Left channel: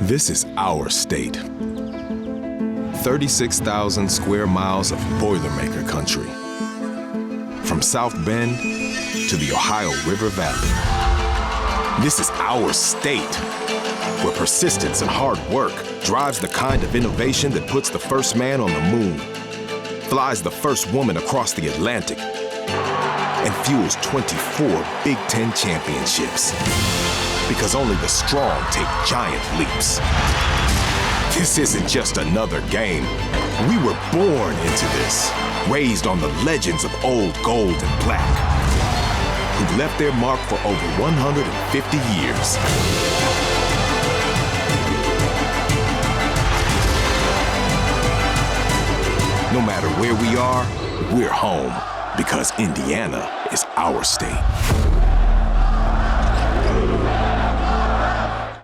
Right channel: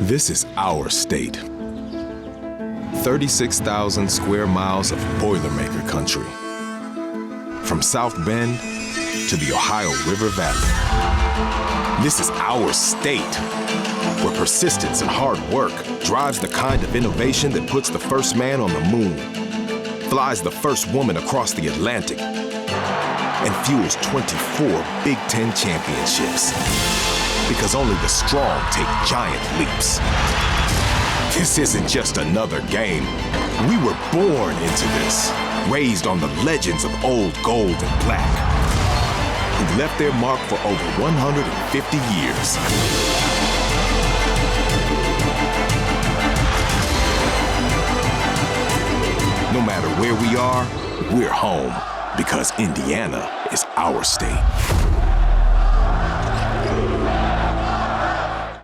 This is our state. 36,000 square miles of Boilermaker country. From South Bend to the Ohio River Valley. This is our state, where persistence and hard work drives the kind of innovation that puts the first man on the moon, flies the first woman across the Atlantic, and fuels 24 Big Ten championships. Because only the strong take giant leaps. This isn't just another game. We were born into this, raised on the legends of old gold and black, who left their mark for over 150 years. No matter where we are, we're home, because Indiana is our state.